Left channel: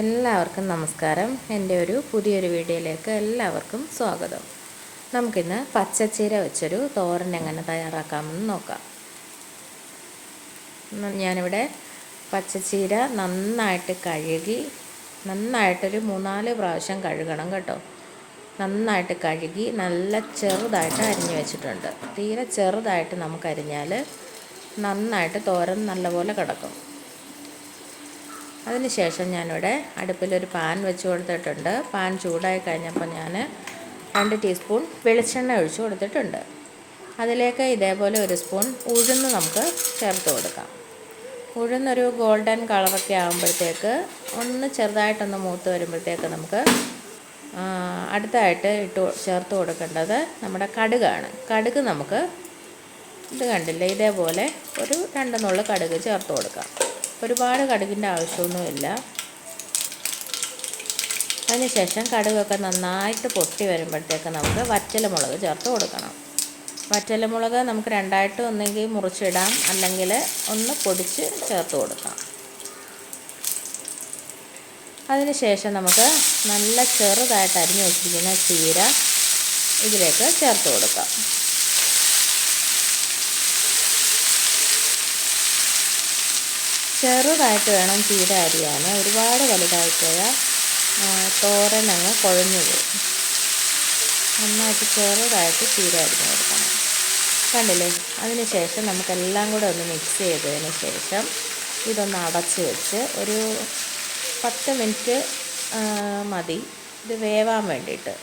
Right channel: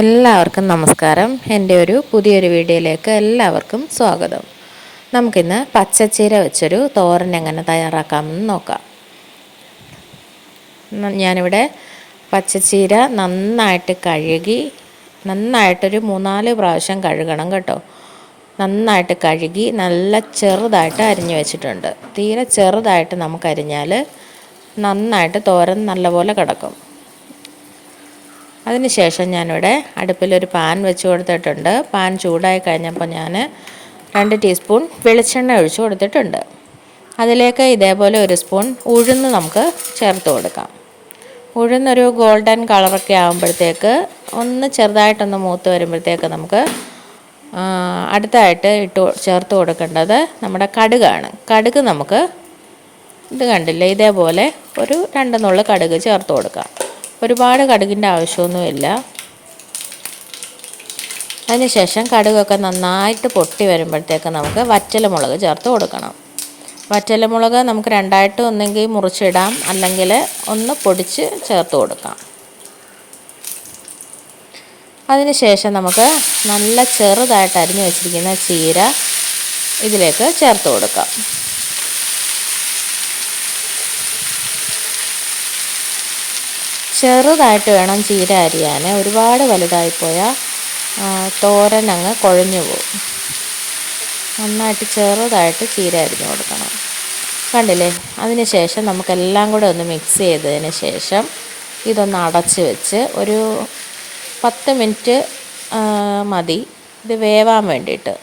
എല്ലാവർക്കും നമസ്കാരം. എൻ്റെ ഒരു പുതിയൊരു വീഡിയോയിലേക്ക് എല്ലാവർക്കും സ്വാഗതം. നമുക്കിന്ന് പച്ചച്ചീര വെച്ചൊരു തോരൻ എങ്ങനെ തയ്യാറാക്കാമെന്ന് നോക്കാം. ഞാനിവിടെ പച്ചച്ചീര നന്നായിട്ട് കഴുകി, നന്നായിട്ടൊരു 3-4 പ്രാവശ്യം കഴുകണം കേട്ടോ. നന്നായിട്ട് കഴുകി നല്ല ചെറുതായിട്ട് അരിഞ്ഞു വെച്ചിട്ടുണ്ട്. തീരെ ചെറുതായിട്ട് നമുക്ക് അരിഞ്ഞാൽ നന്നായിട്ട് തോരൻ നല്ലപോലെ കിടക്കും. അതിനുശേഷം ഞാനിവിടെ അടുപ്പിലൊരു പാൻ വെച്ച് കൊടുത്തിട്ടുണ്ട്. പാൻ ചൂടായി കഴിഞ്ഞപ്പോൾ ഞാൻ 2 ടീസ്പൂൺ വെളിച്ചെണ്ണ ഒഴിച്ച് കൊടുത്തിട്ടുണ്ട്. അതിലേക്ക് ഇതേപോലെ 1 സ്പൂൺ ഉഴുന്ന് നമുക്ക് ചേർത്ത് കൊടുക്കാം. ഉഴുന്നൊരു ഗോൾഡൻ കളറൊക്കെ ആകുമ്പോഴത്തേക്ക് ഒന്ന് ചെറുതായിട്ടൊന്ന് മൂത്ത് വരുമ്പോഴത്തേക്ക് നമുക്ക് അടുത്തായിട്ട് ചേർത്ത് കൊടുക്കേണ്ടത് നമ്മുടെ കടുകാണ്. കടുക് നമുക്ക് ഇത് കണ്ടില്ലേ, ഇതേപോലെ ഒരു 2 നുള്ള് കടുക് ചേർത്ത് കൊടുക്കാം. ഒരുപാട് കടുകിൻ്റെ ആവശ്യമൊന്നുമില്ല. അതിനുശേഷം കടുകൊക്കെ നന്നായിട്ട് പൊട്ടി വരുമ്പോഴത്തേക്ക് നമുക്ക് വറ്റൽമുളക് ചേർത്ത് കൊടുക്കണം. വറ്റൽമുളക് നമുക്ക് 2ആയിട്ട് ഒന്നെങ്കിൽ മുറിച്ചിടാം, അല്ലെങ്കിൽ ഒന്ന് പൊടിച്ച് ചേർത്ത് കൊടുക്കാം. അതിനുശേഷം നമുക്ക് നല്ല ചെറുതായിട്ട് അരിഞ്ഞു വെച്ചിരിക്കുന്ന ചീര ഇതിലേക്ക് ചേർത്ത് കൊടുക്കാം. ചെറുതായിട്ട് വേണം ചീര അരിയാൻ. ഒരുപാട് വലുതായിപ്പോയാൽ തോരൻ അങ്ങ് കുഴഞ്ഞു പോകും. നന്നായിട്ട് ചെറുതായിട്ട് ചീര അരിഞ്ഞു കൊടുക്കണം. കണ്ടില്ലേ? അതിന് ശേഷം നമുക്കെല്ലാം കൂടെ ഒന്ന് മിക്സ് ചെയ്തതിന് ശേഷം ഇതൊന്ന് അടച്ച് വെച്ച് ഒരു 10 മിനിറ്റ് മതി ഇത് വേവാൻ വേണ്ടിയിട്ട്.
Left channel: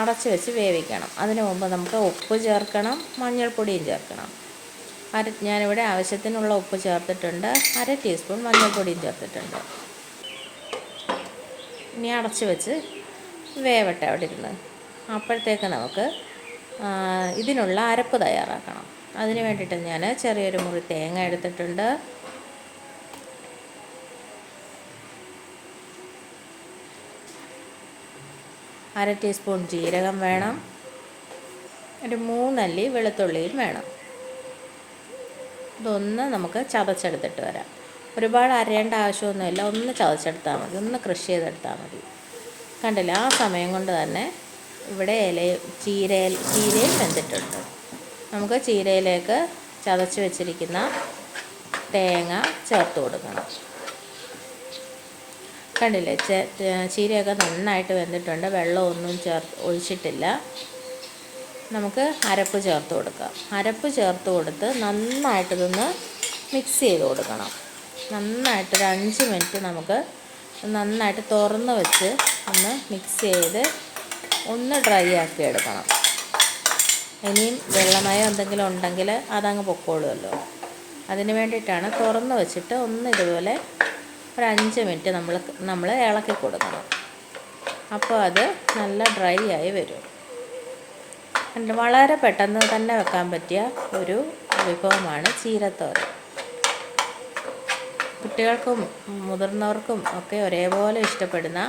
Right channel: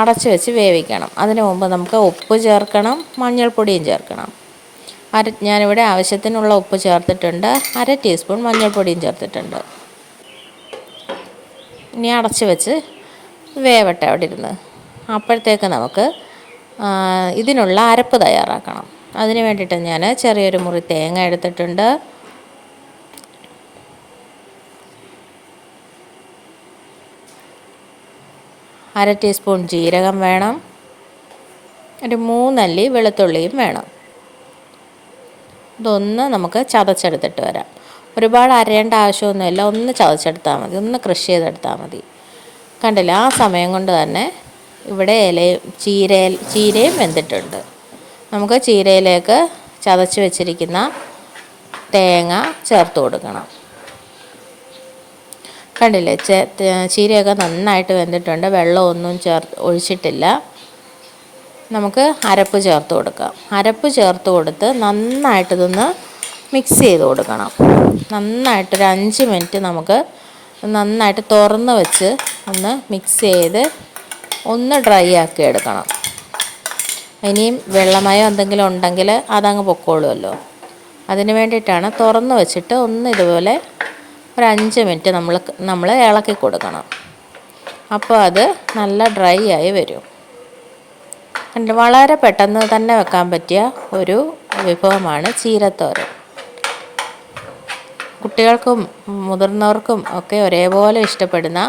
അടച്ച് വെച്ച് വേവിക്കണം. അതിന് മുമ്പ് നമുക്ക് ഉപ്പ് ചേർക്കണം, മഞ്ഞൾപ്പൊടിയും ചേർക്കണം. ഞാനിവിടെ ആവശ്യത്തിനുള്ള ഉപ്പ് ചേർത്തിട്ടുണ്ട്. 1/2 ടീസ്പൂൺ മഞ്ഞൾപ്പൊടിയും ചേർത്തിട്ടുണ്ട്. ഇനി അടച്ച് വെച്ച് വേവട്ടെ അവിടെ ഇരുന്ന്. അപ്പോഴത്തേക്ക് നമുക്ക് ഇതിനുള്ള അരപ്പ് തയ്യാറാക്കണം. അതിന് വേണ്ടിയിട്ട് ഞാൻ ചെറിയൊരു മുറി തേങ്ങ എടുത്തിട്ടുണ്ട്. അര ടീസ്പൂൺ ജീരകം വേണം. ഒരു 3 അല്ലി വെളുത്തുള്ളിയും വേണം. ഇതൊന്ന് നമുക്ക് ചതച്ചെടുത്തിട്ട് വരാം. ഒരുപാട് അരയേണ്ട ആവശ്യമൊന്നുമില്ല, ഒന്ന് ചതച്ചെടുത്താൽ മതി, ഒന്ന് ക്രഷ് ചെയ്തെടുത്താൽ മതി. കണ്ടില്ല? ആ സമയം കൊണ്ട് തന്നെ ഇവിടെ ചീരയും വെന്തിട്ടുണ്ട്. നമുക്ക് ചീരയിലേക്ക് ചതച്ച് വെച്ചിരിക്കുന്ന തേങ്ങ ചേർത്ത് കൊടുക്കണം. കണ്ടില്ലേ? ചീരയൊക്കെ നന്നായിട്ട് വെന്തിട്ടുണ്ട്. വെള്ളമൊന്നും ഒഴിച്ചിട്ടില്ല. നമുക്ക് അരപ്പ് ചേർത്ത് കൊടുക്കാം. അരപ്പ് ചേർത്ത് കൊടുത്ത് നന്നായിട്ടിതൊന്ന് മിക്സ് ചെയ്ത് കൊടുക്കണം. നന്നായിട്ടൊരു 5 മിനിറ്റ് നമുക്ക് നന്നായിട്ട് തുറന്ന് വെച്ച് ഒന്ന് മിക്സ് ചെയ്ത് ഒന്ന് ഡ്രൈ ആക്കി എടുക്കണം. ഇനിയും വെള്ളമയം എന്തെങ്കിലും ഉണ്ടെങ്കിൽ അതങ്ങ് പൊക്കോളുമല്ലോ. അതിന് വേണ്ടിയിട്ടാണ് തുറന്ന് വെച്ചിട്ട് ഒന്ന് ഇതുപോലെ ഒരു 5 മിനിറ്റ് നമ്മൾ ഇളക്കി കൊടുക്കണം. അപ്പോൾ അത് നല്ല ഡ്രൈ ആയി വരും. വളരെ പെട്ടെന്ന് തന്നെ വെക്കാൻ പറ്റിയ ഒരു വിഭവമാണ് ചീരത്തോരൻ. കുട്ടികൾക്കും മുതിർന്നവർക്കും ഒക്കെ ഒരേപോലെ ഇഷ്ടപ്പെടുന്ന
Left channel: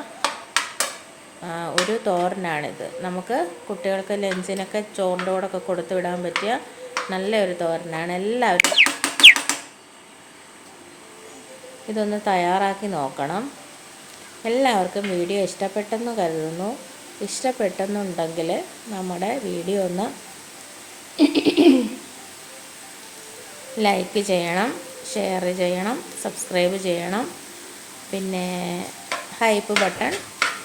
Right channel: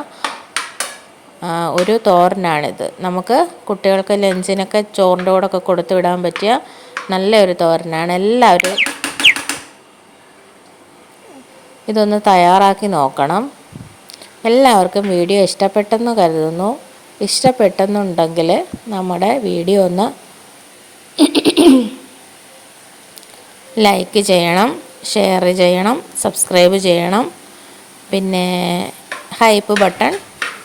ഒരു തോരനാണിത്. നമുക്ക് കുട്ടികൾക്ക് ലഞ്ചിനൊക്കെ ചോറിൻ്റെ കൂടെയൊക്കെ കൊടുത്തു വിടാൻ പറ്റിയ നല്ലൊരു തോരനാണ്. എല്ലാവരും ഇതൊന്ന് തയ്യാറാക്കി നോക്കണം. എല്ലാവർക്കും വീഡിയോ ഇഷ്ടപ്പെട്ടെന്ന് കരുതുന്നു. ഇഷ്ടപ്പെട്ടെന്നുണ്ടെങ്കിൽ നമ്മുടെ വീഡിയോ ഒന്ന് ലൈക്ക് ചെയ്യണം, ഷെയർ ചെയ്യണം, സബ്സ്ക്രൈബ് ചെയ്യണം, പിന്നെ ഹൈപ്പ് ബട്ടൺ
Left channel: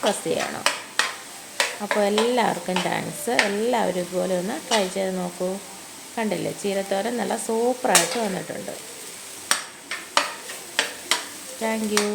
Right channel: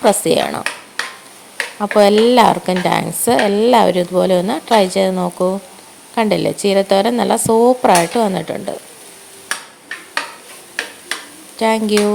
പ്രസ് ചെയ്യണം. അപ്പോൾ എല്ലാവർക്കും താങ്ക്സ്. എല്ലാവരും ഇതുപോലെ ഒന്ന് ട്രൈ ചെയ്ത് നോക്കൂ. കണ്ടില്ലേ? ചീരത്തോരൻ നല്ല സൂപ്പറായിട്ട് വന്നിട്ടുണ്ട്. Thank you.